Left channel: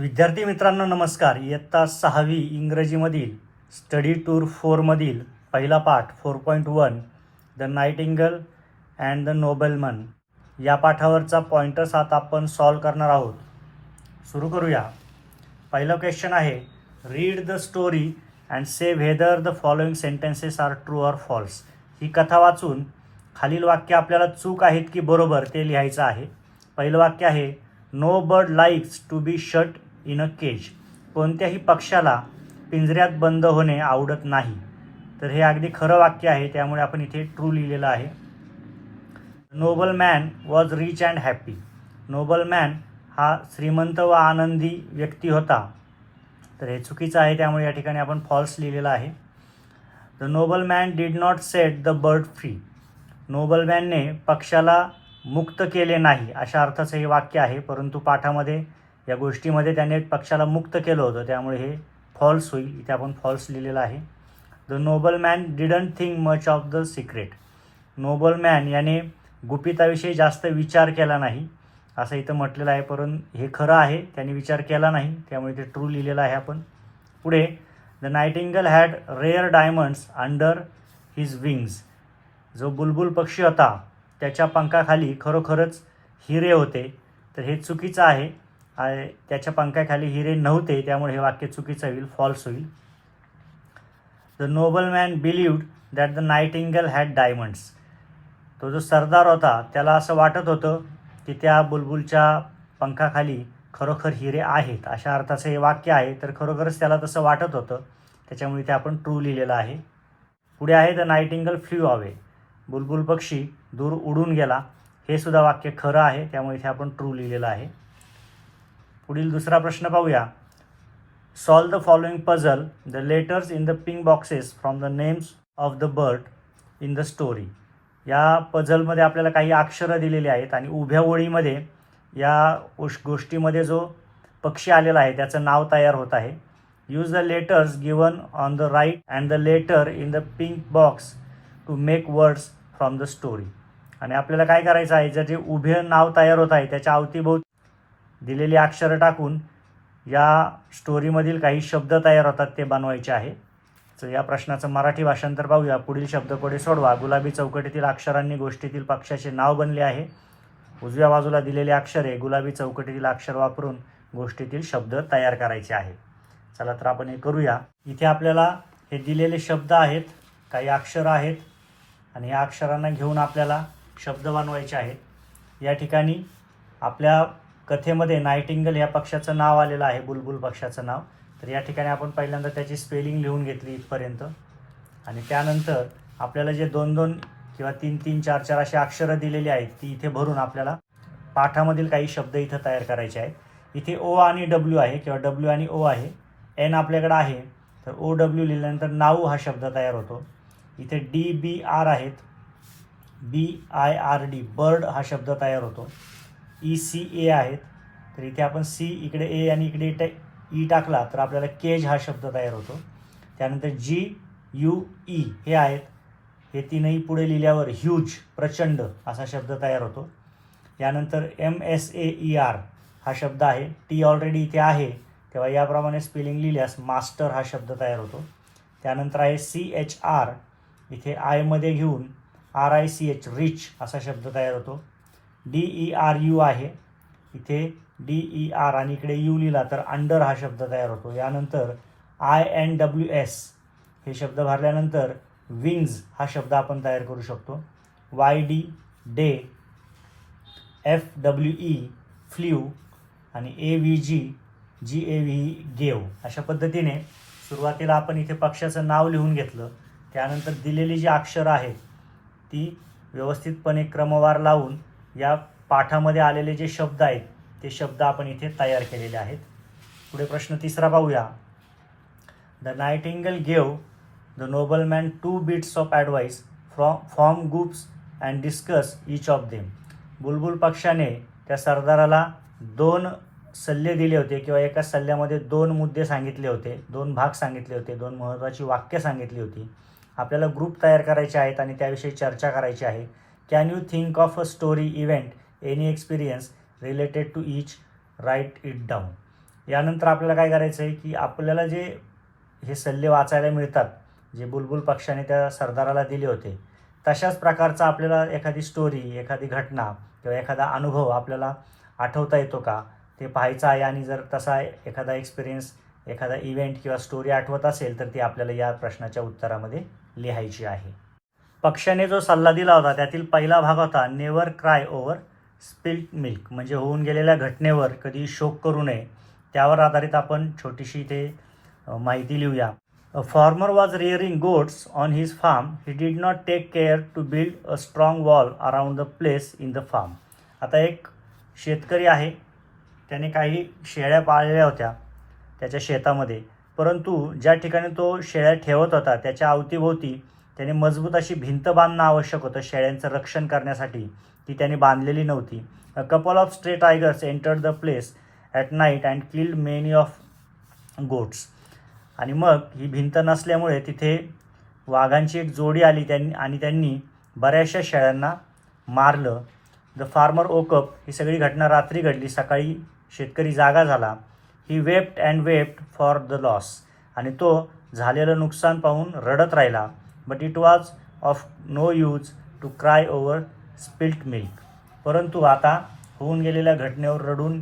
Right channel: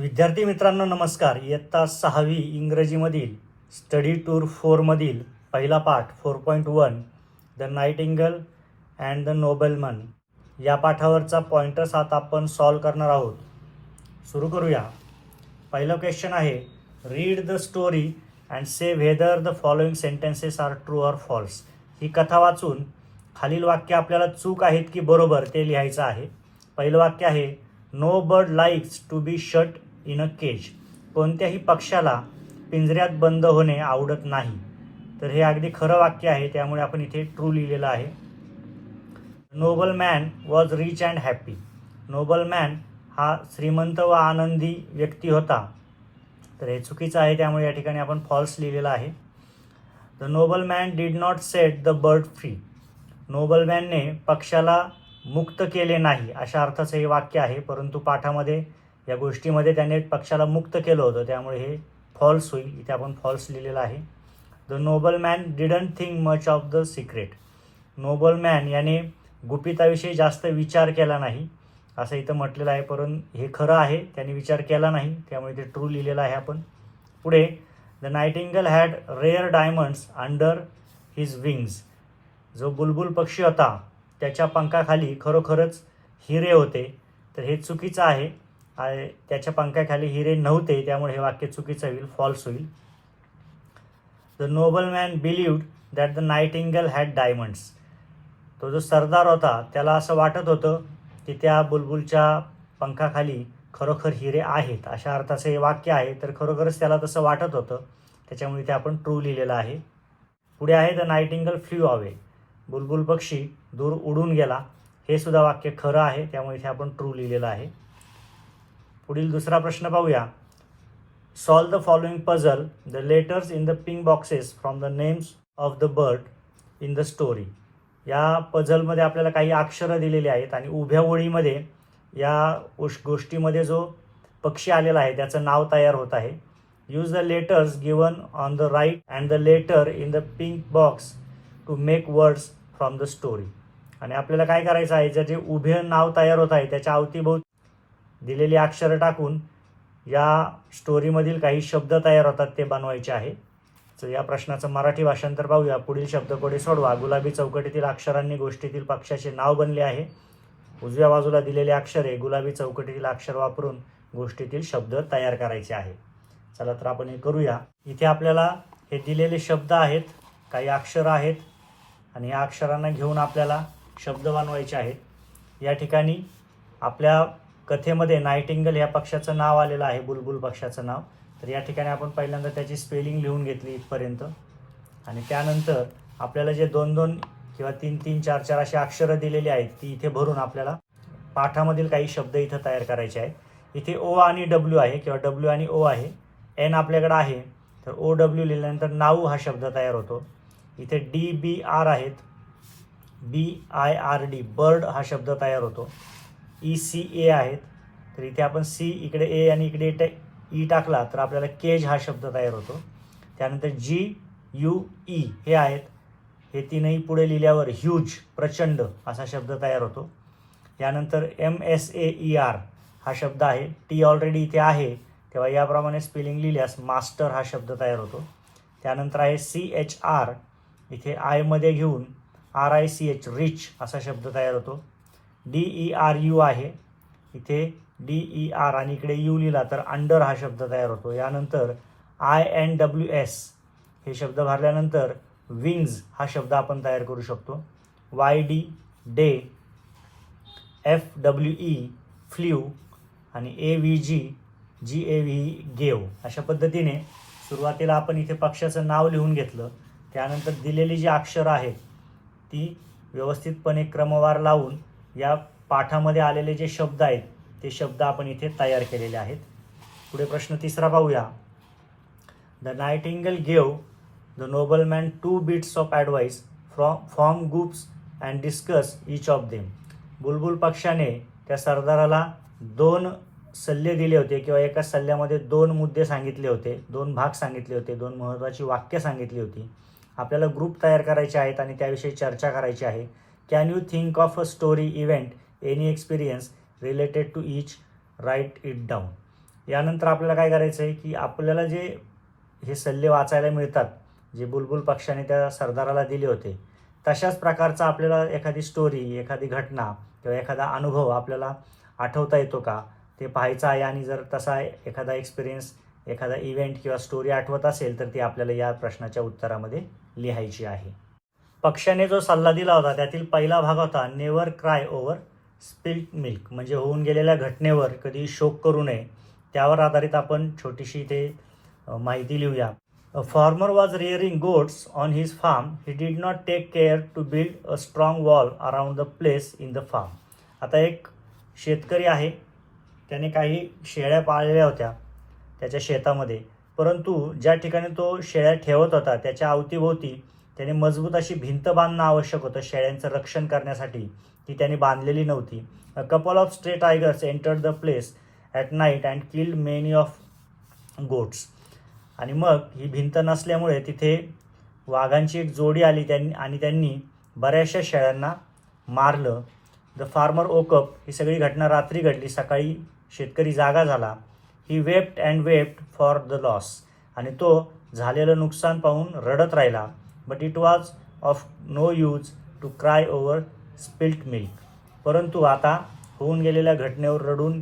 विद्यार्थी मित्रांनो नमस्कार. इयत्ता सहावी इंग्रजीमधील स्टडी टूर फोरमधील पहिला पाठ four point one the nightingale and the nobleman या पाठावरचा पॉइंटर्स आता आपण सॉल्व करणार आहोत. सुरू करूया. पहिलं क्वेश्चन आहे read the story and say whether the following sentences are true or false ही कथा वाचून खालील वाक्य आपल्याला चूक आहेत की बरोबर ते लिहायचं आहे. पहिलं वाक्य आहे no bird likes to be shut in a cage. कोणत्याही पक्षाला पिंजऱ्यात बंद होणे आवडत नाही. तर हे अगदी खरं वाक्य आहे त्यामुळे आपण इथे ट्रू लिहिलेलं आहे. Noble man was rich and happy noble man हा श्रीमंत व आनंदी व्यक्ती होता. तर हे चुकीचं आहे त्यामुळे या ठिकाणी आपण फॉल्स लिहिलेलं आहे. The noble man did not set the bird free noble मॅनने पक्षाला मुक्त केले नाही अशा अर्थाचं हे वाक्य आहे. परंतु पाठामध्ये या गोष्टीमध्ये त्याने पक्षाला मुक्त केलं होतं. त्यामुळे हे फॉल्स होईल. इथे आपण फॉल्स लिहिलेलं आहे. The noble man didn't think much of the secret noble man याने गुपिताविषयी जास्त विचार केला नाही. असं इथं म्हटलेलं आहे. परंतु हे खरं आहे. त्याने विचार केला नाही. त्यामुळे ते ट्रू लिहिलेलं आहे आपण. पुढे the nightingale had rare diamonds under his wings जो बुलबुल पक्षी होता त्याच्या पंखाखाली खरोखरच हिरे होते. तर हे चुकीचं आहे. त्याच्या पंखाखाली हिरे नव्हते त्यामुळे हे वाक्य चुकीचं होईल फॉल्स होईल. The noble man believed that the nightingale had diamonds तो जो सरदार होता त्याला असं वाटत होतं की त्या बुलबुलच्या पंखाखाली खरोखर हिरे आहेत. अशा अर्थाचं हे वाक्य आहे तर खरोखरच त्याला तसं वाटत होतं. त्याच्यामुळे ते आपण ट्रू लिहिलेलं आहे. पुढे आहे द नाईटिंगल फ्ल्यू अवे बुलबुल पक्षी दूर उडून गेला. हे सुद्धा वाक्य खरं आहे त्यामुळे इथे आपण ट्रू लिहिलेलं आहे. पुढील दुसरा प्रश्न पाहूया. Solve the following puzzle the letters in the pink boxes from the names of the bird in the story या पझलमध्ये आपल्याला काही अक्षरं दिलेली आहेत आणि उभ्या ओळीमध्ये या गोष- गोष्टीमध्ये जो पक्षी आलेला आहे त्याचं नाव तयार होत आहे. Use the letters given on the right and the letter in the pink box to make words from the story आणि आपल्याला काय करायचं आहे जर जे उभे नाव तयार होत आहे त्याच्या अवतीभोवती दिलेली अक्षरं टाकून या स्टोरीमधील काही शब्द तयार होतात ते बनवायचे आहे. तर या प्रश्नाचं मराठी भाषांतर पाहूया. पुढील शब्दकोडे सोडवा. गुलाबी चौकटीतील अक्षरांनी गोष्टीतील पक्षाचे नाव बनले आहे. उजव्या बाजूला दिलेले अक्षरे गुलाबी चौकटीतील अक्षर वापरून गोष्टीतील शब्द तयार करायचे आहे. चला तर आपण हे करूया. इथे आपल्याला हे दिलेले शब्द आहेत. काही अक्षरं आहेत. आणि या अक्षरांना घेऊन आपल्याला शब्द बनवायचे आहेत. या ठिकाणी आपल्या कथेमध्ये नाईटिंगल या पक्षाचं नाव आलेलं आहे बुलबुल पक्षाचं नाव. तर या ठिकाणी आपण पहिल्यांदा त्याची स्पेलिंग लिहून घेतली इथपर्यंत. आणि त्यानंतर आपल्याला जे दोन दोन किंवा तीन तीन चार चार अशी अक्षरं दिलेली आहेत ती इथे भरून आपल्याला पाठामधील काही शब्द इथं तयार करायचे आहेत. इथे ओ आणि डब्ल्यू आहे किंवा डब्ल्यू आणि ओ आहे. एन आपल्याकडं आहे तर ओ डब्ल्यू लिहिल्यानंतर नाऊ हा शब्द तयार होतो. इथे डी बी आर आहेत. B I R D bird हा शब्द तयार होतो. ई सी ए आहेत. तर इथे आपण सी इकडे ए आणि इकडे e टे ई e टाकला तर आपल्याला केज हा शब्द तयार होतो. त्यानंतर जी यू ई हे आहेत. हे तीनही पुढे लिहिल्यावर ह्यूज प्रचंड असा शब्द तयार होतो. यानंतर M S A E R हा शब्द आहे. टी ऑलरेडी इथे आहे. तेव्हा याप्रमाणे स्पेलिंग लिहिल्यास मास्टर हा शब्द तयार होतो. त्यानंतर आहे सी एच आर इथे आयमध्ये घेऊन R I C H rich असा शब्द तयार होतो. डी ई आर यू आहे. इथे डी ई आर आणि इकडे यू लिहिला तर अंडर हा शब्द तयार होतो. यानंतर आय एन डब्ल्यू एस हे शब्द भरल्यानंतर विंग्ज हा शब्द आपण तयार करू शकतो. Y D day F W E flew आणि A V G G A V gave अशा पद्धतीने सुरुवातीला आपण इथे पक्षाचं नाव लिहून घेतलं. त्यानंतर दिलेली जी अक्षरं आहेत ती व्यवस्थितपणे क्रमवार लावून या पाठामध्ये आलेले जे शब्द आहेत ते शब्द आपण इथे तयार केलेले आहेत. पुढे प्रश्न तिसरा पाहूया. The nightingale gave the noble man two bits of advice from form groups and discuss each of them बुलबुल पक्षाने त्या सरदाराला दोन सल्ले दिले होते किंवा एका सल्ल्यामध्ये दोन मुद्दे सांगितले होते दोन भाग सांगितले होते दोन महत्त्वाची वाक्य सांगितली होती. आपल्याला ग्रुप तयार करायचे आहेत आणि त्याविषयी चर्चा करायची आहे. Can you think of a story event any experience related to each write it down यानंतर आपल्याला काय करायचं आहे की आपल्याला जे हे सल्ले वाचायला मिळतात जे बुलबुल पक्षाने त्या सरदाराला दिले होते तशाच प्रकारचा आपल्याला एखादी स्टोरी एखादी घटना किंवा एखादा अनुभव आपल्याला आठवता येतो का? ते पाहायचं आहे आणि जर तसा एखादा एक्सपिरियन्स एखादा इव्हेंट किंवा स्टोरी आठवत असेल तर ती आपल्याला या प्रश्नाच्या उत्तरामध्ये लिहायची आहे. पक्षाने जो सल्ला दिला होता त्यातील पहिला भाग होता never cry over spilt milk म्हणजे होऊन गेलेल्या घटनेवर कधी शोक करू नये त्यावर आधारित आपण छोटीशी ते माहिती लिहूया. A farmer was rearing goats on his farm he did not take care to build a strong wall around the place in the farm आता एक शेतकरी आहे त्याने काही शेळ्या पाळलेल्या होत्या त्याच्या शेतामध्ये परंतु ज्या ठिकाणी तो शेळ्या ठेवत होता त्याच्या अवतीभोवती त्याने मजबूत अशी भिंत बांधणं आवश्यक होतं शेळ्यांचं रक्षण करण्यासाठी. ती त्याने बांधलेली नव्हती. A couple of stray tigers enter the place at night and killed many of goats आणि मग ही भिंत नसल्यामुळे तिथे वाघांची एक जोडी आली त्यांनी आणि त्यांनी बऱ्याचशा शेळ्यांना मारलं. द फार्मर ओकअप ही सगळी घटना रात्री घडली. सकाळी शेतकरी जागा झाला. He wept and wept for the loss आणि तो झालेलं नुकसान पाहून रडत राहिला. But it was of no use to cry over spilt milk परंतु आता होऊन गेलेल्या घटनेवर रडून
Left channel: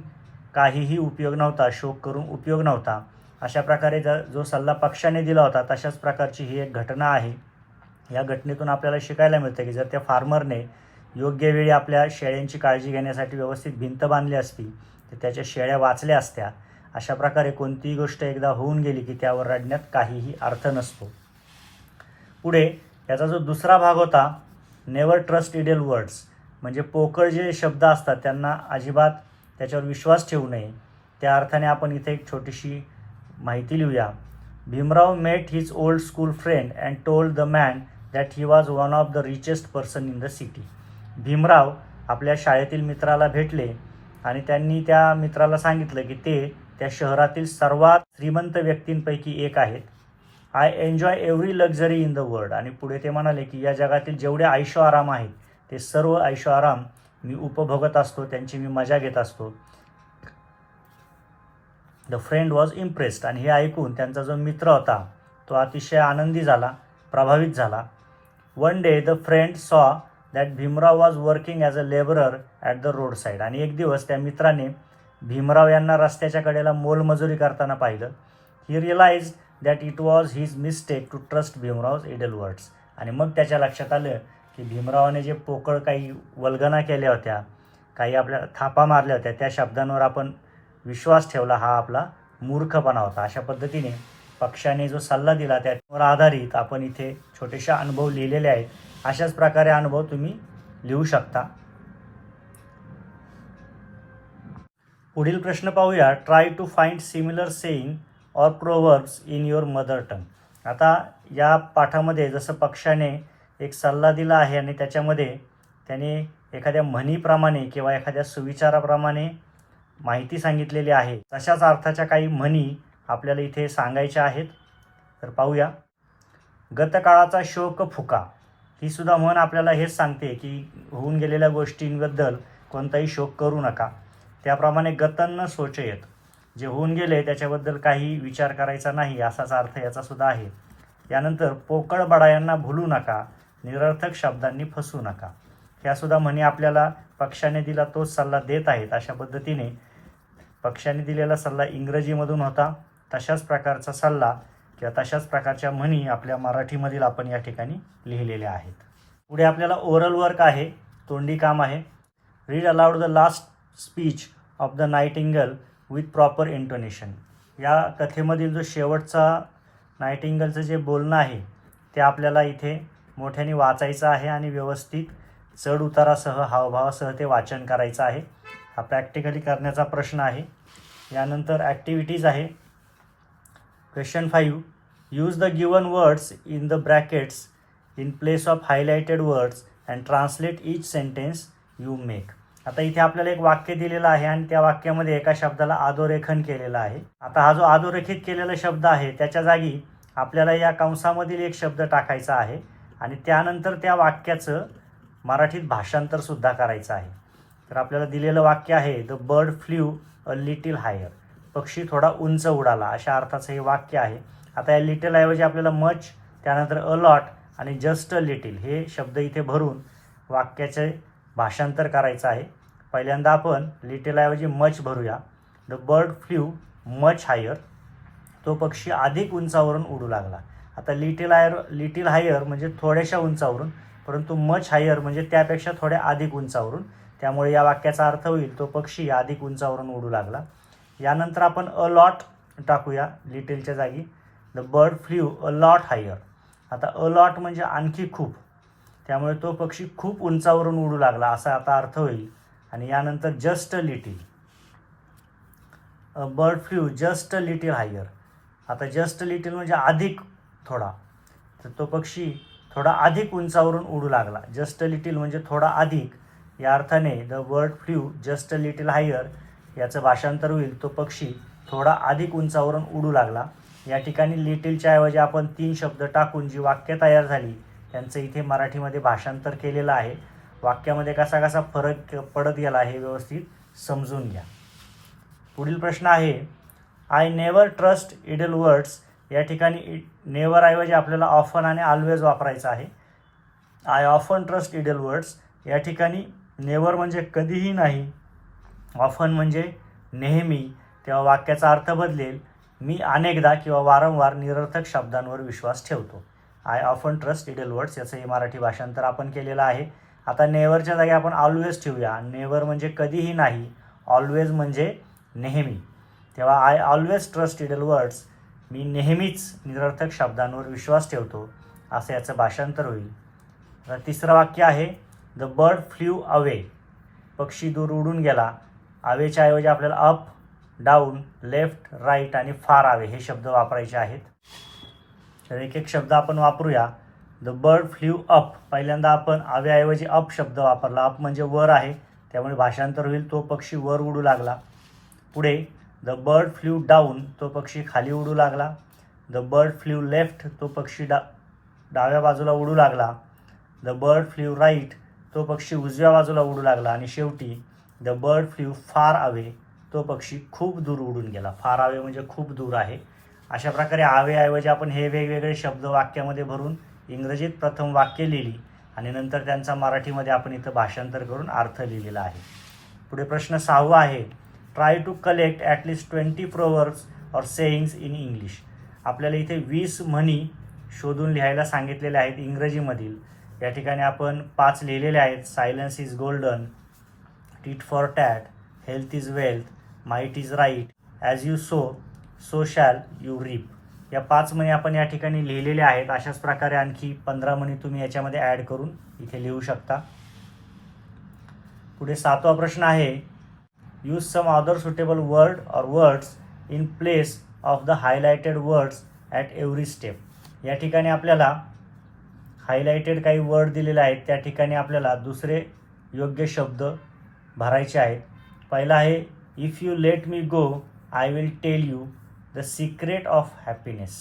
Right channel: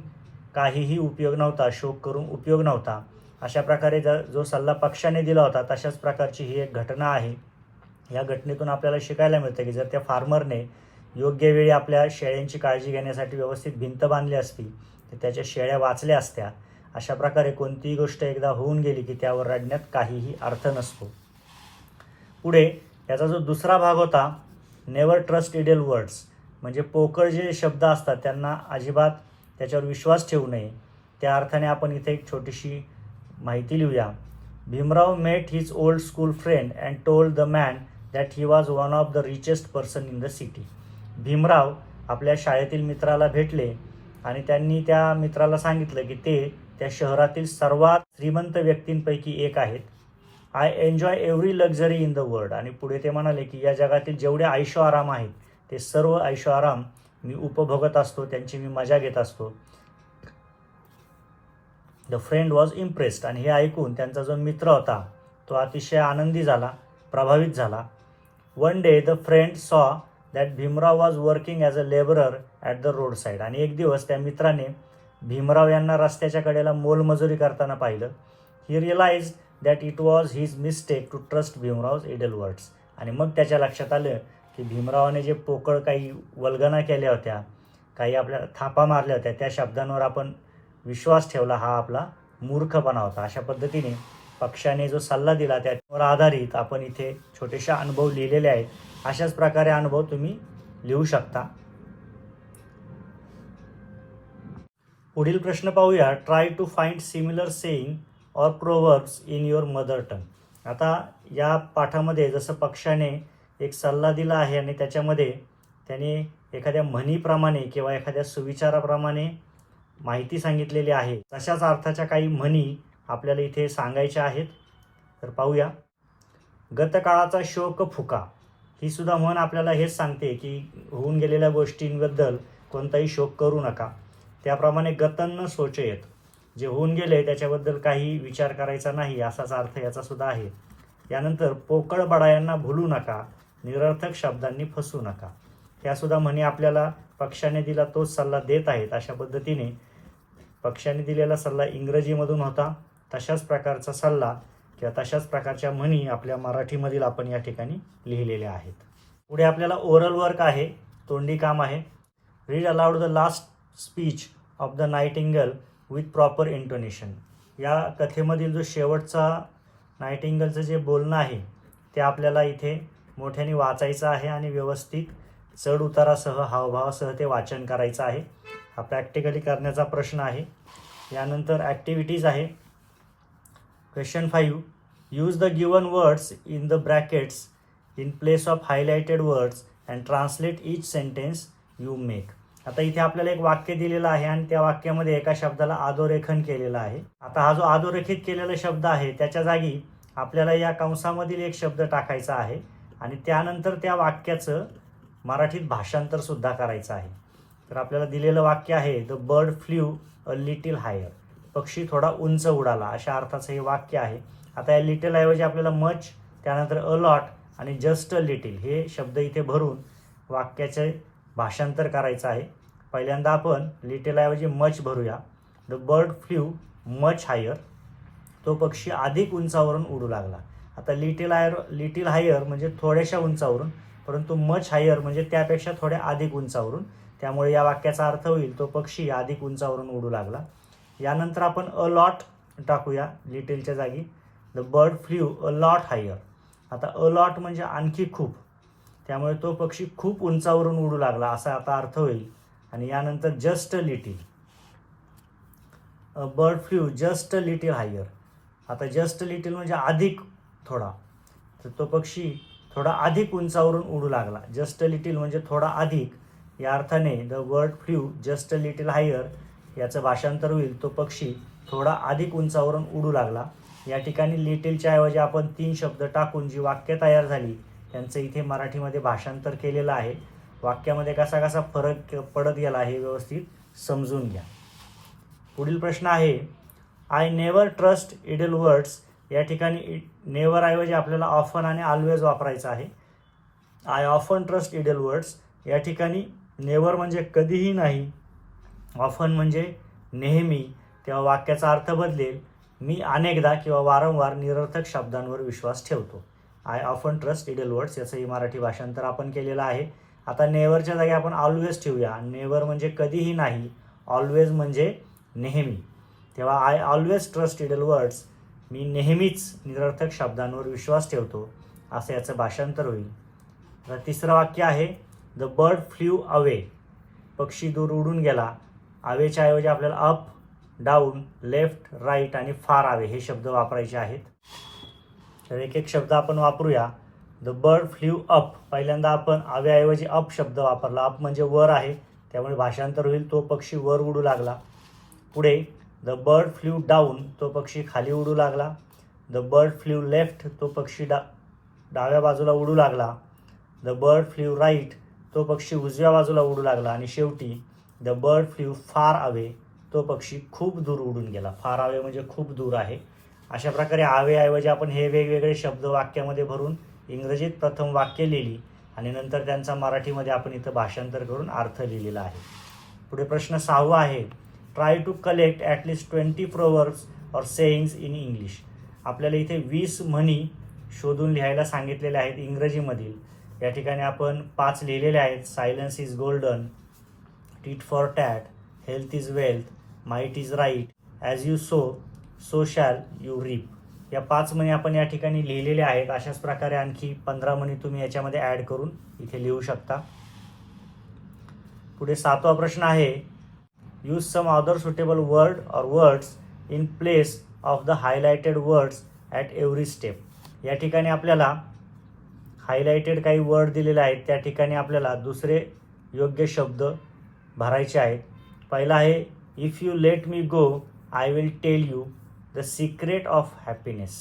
काहीही उपयोग नव्हता शोक करून उपयोग नव्हता. अशा प्रकारे ज जो सल्ला पक्षाने दिला होता तशाच प्रकारची ही एक घटना आहे. या घटनेतून आपल्याला शिकायला मिळतं की जर त्या फार्मरने योग्य वेळी आपल्या शेळ्यांची काळजी घेण्यासाठी व्यवस्थित भिंत बांधली असती तर त्याच्या शेळ्या वाचल्या असत्या. अशा प्रकारे कोणतीही गोष्ट एकदा होऊन गेली की त्यावर रडण्यात काहीही अर्थ नसतो. पुढे याचा जो दुसरा भाग होता नेवर ट्रस्ट इडेल वर्ड्स म्हणजे पोकळ जे शब्द असतात त्यांना अजिबात त्याच्यावर विश्वास ठेवू नये. त्या अर्थाने आपण इथे एक छोटीशी माहिती लिहूया. Bhimrao met his old school friend and told the man that he was one of the richest person in the city Bhimrao आपल्या शाळेतील मित्राला भेटले आणि त्यांनी त्या मित्राला सांगितलं की ते त्या शहरातील सर्वात श्रीमंत व्यक्तींपैकी एक आहेत. I enjoy every luxury in the world आणि पुढे ते म्हणाले की या जगातील जेवढे ऐशो आराम आहेत ते सर्व ऐशो आराम मी उपभोगत असतो त्यांची मी मजा घेत असतो. द फ्रेंड वॉज इम्प्रेस्ड आणि हे ऐकून त्यांचा जो मित्र होता तो अतिशय आनंदी झाला प्रभावित झाला. One day the friend saw that Bhimrao was working as a labourer at the road side आणि एक दिवस त्या मित्राने भीमराव यांना रस्त्याच्या कडेला मोलमजुरी करताना पाहिलं. He realize that it was his mistake to trust Bhimrao's idle words आणि मग त्याच्या लक्षात आलं की भीमरावाने जे पोकळ काही वल्गना केल्या होत्या काही आपल्या थापा मारल्या होत्या त्या शब्दांवर आपण विश्वास ठेवला हा आपला मूर्खपणा होता. अशा पद्धतीने पक्षाने जो सल्ला दिला त्यावर आधारित आपण इथे छोटेशा अनुभव लिहिलेले आहेत. अशाच प्रकारे अनुभव तुम्ही लिहू शकता. पुढील प्रश्न पाहूया. Try to find similar saying or proverbs in your mother tongue आता या पाठामध्ये जसं पक्षाने एक सल्ला दिला आहे आणि त्याच्यामध्ये त्याने एखाद्या म्हणीप्रमाणे किंवा एखाद्या सुविचाराप्रमाणे माहिती सांगितलेली आहे. तशाच अर्थाच्या काही म्हणी आपल्याला इथे सांगायच्या आहेत. तर पाहूया. गतकाळाचा शोक फुका. ही सुद्धा म्हण आपल्याला हेच सांगते की होऊन गेलेल्या गोष्टींबद्दल कोणताही शोक करू नका. त्याप्रमाणे गतन्न सोचयत जे होऊन गेले त्याच्याबद्दल काही विचार करायचा नाही असाच अर्थ याचा सुद्धा आहे. यानंतर पोकळ बडायांना भुलू नका निरर्थक शब्दांनी फसू नका. ह्यासुद्धा म्हणी आपल्याला पक्षाने दिला तोच सल्ला देत आहेत अशा पद्धतीने पक्षाने दिलेला सल्ला इंग्रजीमधून होता. तशाच प्रकारचा सल्ला किंवा तशाच प्रकारच्या म्हणी आपल्या मराठीमधील आपण या ठिकाणी लिहिलेल्या आहेत. पुढे आपल्याला ओरल वर्क आहे तोंडी काम आहे. Read aloud the last speech of the nightingale with proper intonation या कथेमधील जो शेवटचा नाईटिंगलचं जे बोलणं आहे ते आपल्याला इथे मोठ्याने वाचायचं आहे आणि व्यवस्थित चढ उतारासह हावभावासह ते वाचन करायचं आहे. हा प्रॅक्टिकली करण्याचा प्रश्न आहे. यानंतर ॲक्टिव्हिटीज आहे. Question five use the given words in the brackets in place of highlighted words and translate each sentence you make आता इथे आपल्याला एक वाक्य दिलेलं आहे आणि त्या वाक्यामध्ये एका शब्दाला अधोरेखन केलेलं आहे. आता हा जो अधोरेखित केलेला शब्द आहे त्याच्या जागी आपल्याला या कंसामधील एक शब्द टाकायचा आहे आणि त्यानंतर त्या वाक्याचं मराठीत भाषांतर सुद्धा करायचं आहे. तर आपल्याला दिलेलं वाक्य आहे the bird flew a little higher पक्षी थोडा उंच उडाला अशा अर्थाचं हे वाक्य आहे. आता या लिटिल ऐवजी आपल्याला मच त्यानंतर अलॉट आणि जस्ट लिटिल हे शब्द इथे भरून वाक्याचे भाषांतर करायचं आहे. पहिल्यांदा आपण लिटिलऐवजी much भरूया. The bird flew much higher तो पक्षी अधिक उंचावरून उडू लागला. आता लिटिल हायर लिटिल हायर म्हणजे थोड्याशा उंचावरून परंतु मच हायर म्हणजे त्यापेक्षा थोड्या अधिक उंचावरून. त्यामुळे या वाक्याचा अर्थ होईल तो पक्षी अधिक उंचावरून उडू लागला. यानंतर आपण अ लॉट टाकूया लिटिलच्या जागी. The bird flew a lot higher आता अ लॉट म्हणजे आणखी खूप. त्यामुळे तो पक्षी खूप उंचावरून उडू लागला असा आता अर्थ होईल. आणि यानंतर just little bird flew just little higher आता जस्ट लिटिल म्हणजे अधिक थोडा. तर तो पक्षी थोडा अधिक उंचावरून उडू लागला. जस्ट लिटिल म्हणजे थोडा अधिक. या अर्थाने the word flew just little higher याचं भाषांतर होईल. तो पक्षी थोडा अधिक उंचावरून उडू लागला. या ठिकाणी लिटिलच्या ऐवजी आपण तीन शब्द टाकून जी वाक्य तयार झाली त्यांचं इथे मराठीमध्ये भाषांतर केलेलं आहे. वाक्यामध्ये कसा कसा फरक पडत गेला हे व्यवस्थित समजून घ्या. पुढील प्रश्न आहे I never trust idle words या ठिकाणी नेवर ऐवजी आपल्याला ऑफन आणि ऑलवेज वापरायचं आहे. I often trust idle words या ठिकाणी नेवर म्हणजे कधीही नाही. ऑफन म्हणजे नेहमी. तेव्हा वाक्याचा अर्थ बदलेल. मी अनेकदा किंवा वारंवार निरर्थक शब्दांवर विश्वास ठेवतो. I often trust idle words याचंही मराठी भाषांतर आपण केलेलं आहे. आता नेवरच्या जागी आपण ऑलवेज ठेवूया. नेवर म्हणजे कधीही नाही ऑलवेज म्हणजे नेहमी. तेव्हा I always trust idle words मी नेहमीच निरर्थक शब्दांवर विश्वास ठेवतो असं याचं भाषांतर होईल. तर तिसरं वाक्य आहे द बर्ड फ्ल्यू अवे पक्षी दूर उडून गेला. अवेच्या ऐवजी आपल्याला अप डाऊन लेफ्ट राईट आणि फार आवे हे शब्द वापरायचे आहेत. तर एक एक शब्द आपण वापरूया. द बर्ड फ्ल्यू अप पहिल्यांदा आपण अव्याऐवजी अप शब्द वापरला. अप म्हणजे वर आहे. त्यामुळे भाषांतर होईल. तो पक्षी वर उडू लागला. पुढे द बर्ड फ्ल्यू डाऊन तो पक्षी खाली उडू लागला. द बर्ड फ्ल्यू लेफ्ट तो पक्षी डा डाव्या बाजूला उडू लागला. द बर्ड फ्ल्यू राईट तो पक्षी उजव्या बाजूला उडू लागला. आणि शेवटी the bird flew far away तो पक्षी खूप दूर उडून गेला. फार अवे म्हणजे खूप दूर आहे. अशा प्रकारे आवेऐवजी आपण हे वेगवेगळे शब्द वाक्यामध्ये भरून इंग्रजीत प्रथम वाक्य लिहिली आणि नंतर त्यांचा मराठीमध्ये आपण इथं भाषांतर करून अर्थ लिहिलेला आहे. पुढे प्रश्न सहावा आहे. Try to collect at least twenty proverbs or sayings in English आपल्याला इथे वीस म्हणी शोधून लिहायला सांगितलेले आहेत इंग्रजीमधील. या ठिकाणी आपण पाच लिहिलेले आहेत. Silence is golden tit for tat health is wealth might is right as you sow so shall you reap या पाच म्हणी आपण या ठिकाणी लिहिलेल्या आहेत. अशाच प्रकारे आणखी पंधरा म्हणी तुम्ही याच्यामध्ये ॲड करून इथे लिहू शकता. पुढे सातवा प्रश्न आहे use some other suitable word or words in place of the highlighted words at every step या ठिकाणी आपल्याला हायलायटेड काही वर्ड दिलेले आहेत. त्या ठिकाणी आपल्याला दुसरे योग्य शब्द भरायचे आहेत. पहिला आहे if you let me go I will tell you the secret of happiness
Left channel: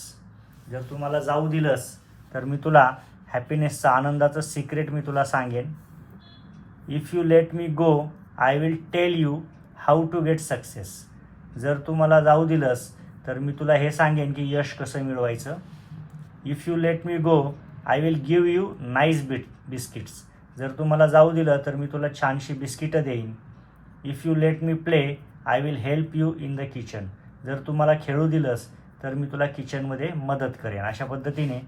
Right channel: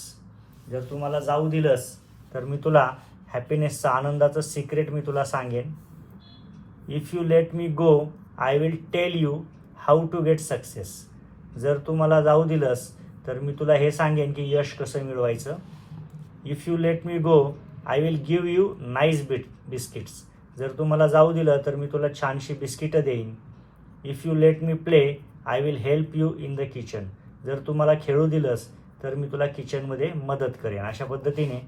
जर तू मला जाऊ दिलंस तर मी तुला हॅपीनेसचं आनंदाचं सिक्रेट मी तुला सांगेन. If you let me go I will tell you how to get success जर तू मला जाऊ दिलंस तर मी तुला हे सांगेन की यश कसं मिळवायचं. If you let me go I will give you nice bit biscuits जर तू मला जाऊ दिलं तर मी तुला छानशी बिस्किटं देईन. If you let me play I will help you in the kitchen जर तू मला खेळू दिलंस तर मी तुला किचनमध्ये मदत करेन. अशा पद्धतीने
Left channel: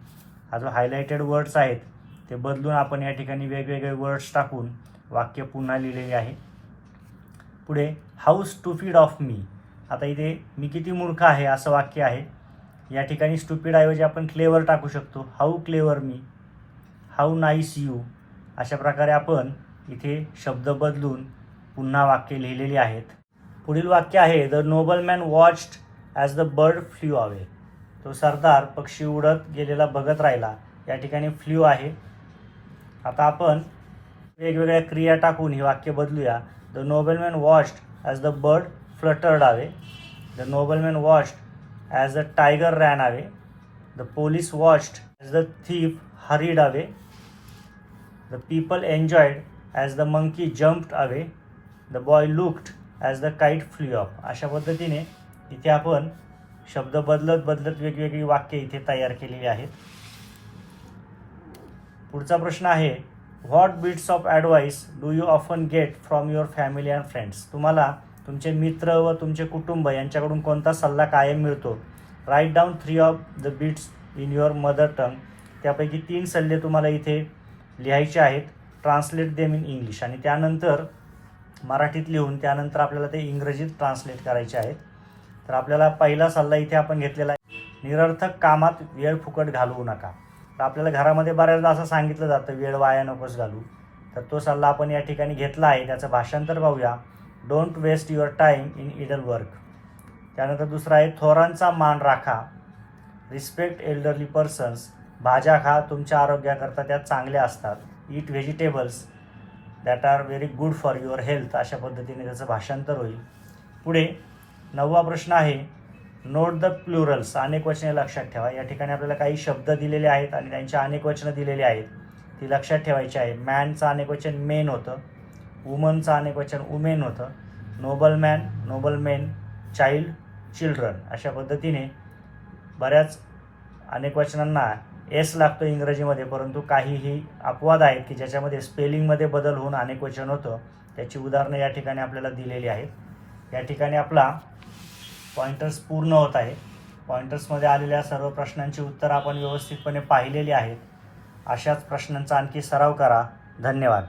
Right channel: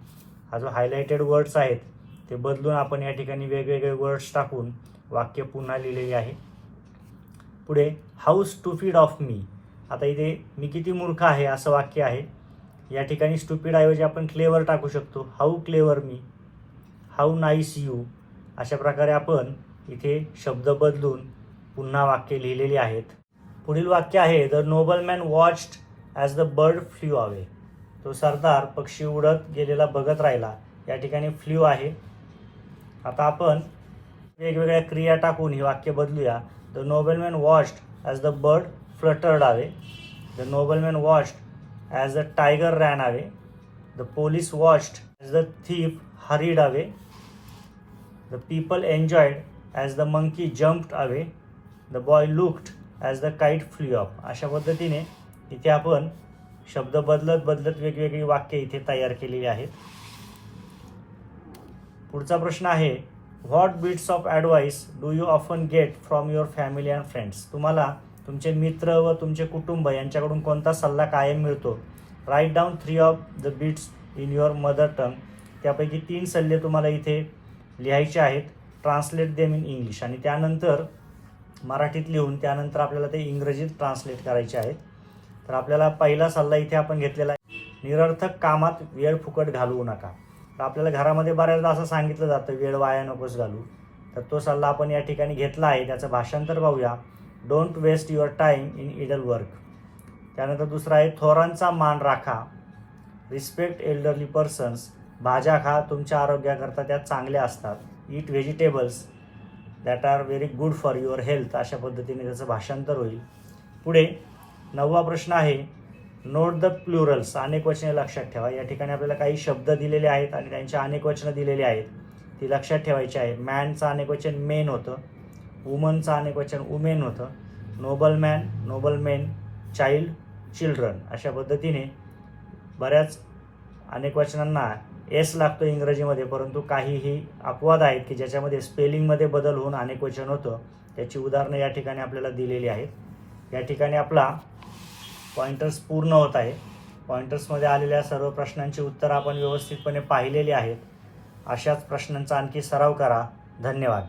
हा जो हायलायटेड वर्ड्स आहेत ते बदलून आपण या ठिकाणी वेगवेगळे वर्ड्स टाकून वाक्य पुन्हा लिहिलेले आहे. पुढे हाऊ स्टुपिड ऑफ मी आता इथे मी किती मूर्ख आहे असं वाक्य आहे. या ठिकाणी स्टुपिड ऐवजी आपण क्लेवर टाकू शकतो. How clever me how nice you अशा प्रकारे आपण इथे शब्द बदलून पुन्हा वाक्य लिहिलेली आहेत. पुढील वाक्य आहे the noble man watched as the bird flew away तो सरदार पक्षी उडत गेलेला बघत राहिला. या ठिकाणी फ्ल्यू आहे. आता आपण वेगवेगळ्या क्रिया टाकून ही वाक्य बदलूया. The nobleman watched as the bird fluttered away the nobleman watched as the tiger ran away the police watched as the thief hurried away the people enjoyed as the monkey jumped away the boy looked as the kite flew up अशा पद्धतीने इथे आपण शब्द बदलत बदलत वेगवेगळी वाक्य इथे तयार केलेली आहेत. पुढचा प्रश्न आहे what bits of advice do you often get from your family and friends तुम्हाला तुमचे मित्र व तुमचे कुटुंब यांच्याकडून कोणता सल्ला कायम मिळतो? Write down three of the bits in your mother tongue त्यापैकी तीन सल्ले तुम्हाला इथे लिहायचे आहेत. ट्रान्सलेट देम इन इंग्लिश आणि त्यानंतर मराठीत लिहून त्यानंतर आपल्याला ते इंग्रजीत ट्रान्सलेट करायचे आहे. तर आपल्याला पहिला सल्ला इथे आपण घेतलेला आहे. निरर्थक कामात वेळ फुकट घालवू नका. तर आपल्याला घरामध्ये बऱ्याचदा असं सांगितलं जातं वेळ वाया नकोच घालू. तर तो सल्ला आपण या ठिकाणी घेतला आहे. त्याचं भाषांतर पाहूया. Don't waste your time in idle work त्यानंतर दुसरा आहे थोरांचा मान राखा. रिस्पेक्ट एल्डरली पर्सन्स भाज्या खा तुमच्या आरोग्याकरता त्या चांगल्या असतात. Eat vegetables that are very good for your health अशा पद्धतीने त्याचं भाषांतर होईल. पुढे नववा प्रश्न आहे नोट द प्लुरल्स अनेक वचने लक्षात ठेवा. या ठिकाणी आपल्याला काही शब्द दिलेले आहेत आणि त्यांची अनेक वचनं दिलेली आहेत. ती लक्षात ठेवायची आहे. मॅनचं अनेक वचन मेन होतं. वुमनचं अनेक वचन उमेन होतं. Noble man noble men child children अशा पद्धतीने बऱ्याच अनेक वचनांना एस लागतो इंग्रजीमध्ये परंतु काहीही अपवाद आहेत की ज्याच्यामध्ये स्पेलिंगमध्ये बदल होऊन अनेक वचन होतं त्याची उदाहरणं या ठिकाणी आपल्याला दिलेली आहेत. या ठिकाणी आपला पॉइंटर्स पूर्ण होत आहे. पॉइंटर्समध्ये आलेल्या सर्व प्रश्नांची उत्तरं आपण व्यवस्थितपणे पाहिलेली आहेत. अशाच प्रश्नांचा आणखी सराव करा. धन्यवाद.